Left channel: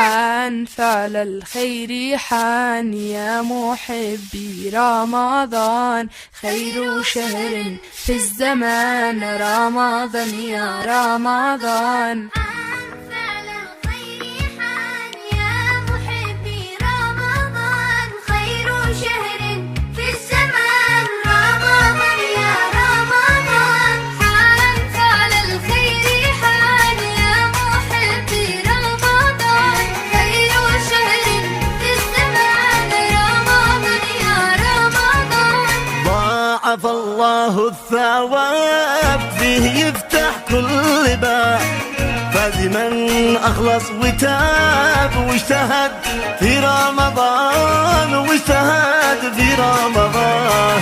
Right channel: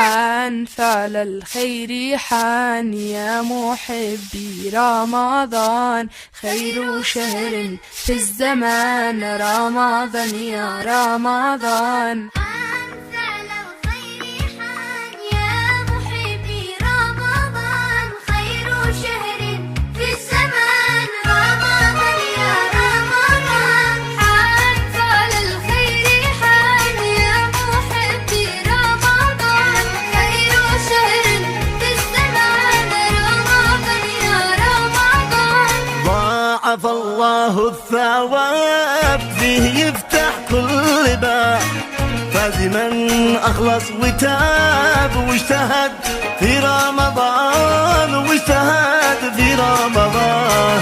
حان فعل الخير حان يا محبي رمضان خير شهر في الزمان رمضان يا رمضان ضاعف الله الثواب فيه يفتح كل باب فاز من أخلص وتاب واجتهد في رمضان واجتهد في رمضان